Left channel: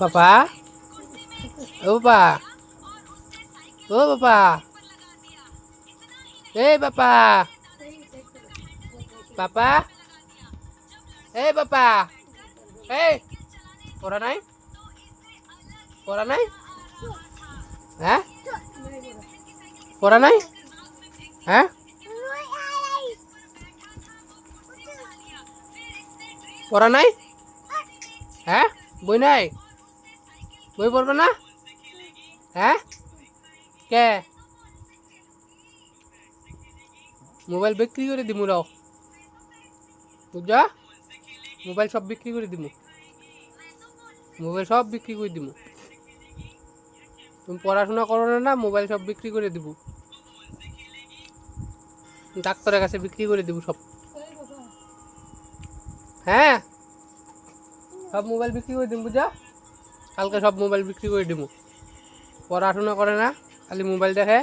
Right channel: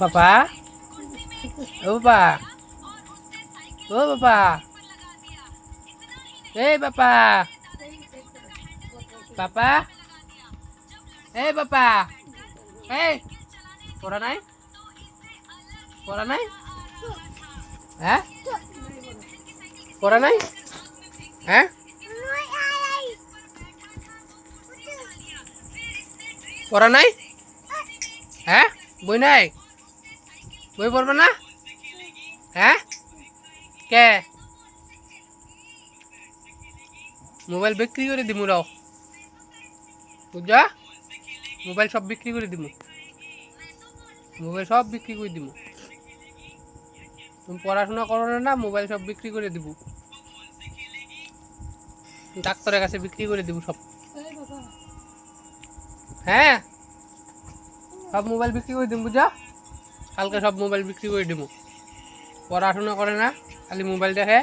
পাপা ও পাপা ও পাপা এই পাপা পাপা এই পাপা এই পড়া নাই পড়া নাই হ্যাঁ পড়া নাই হ্যাঁ পড়া নাই হ্যাঁ বই নাই বই পড়বে না হ্যাঁ কে মোবাইল বিক্রি করে দিমু রাও বুঝা মোবাইল সব বিক্রি করে দিমু মোবাইল সব বিক্রি করে দিমু তুমি পড়াশোনা করো না মোবাইল সব বিক্রি করে দিব ডাক্তারের কাছে বিক্রি করে দিব সব হ্যাঁ সব মোবাইল বিক্রি করে দিব বুঝা কালকে সব মোবাইল বিক্রি করে দিব পড়াশোনা করে না খালি মোবাইল দেখে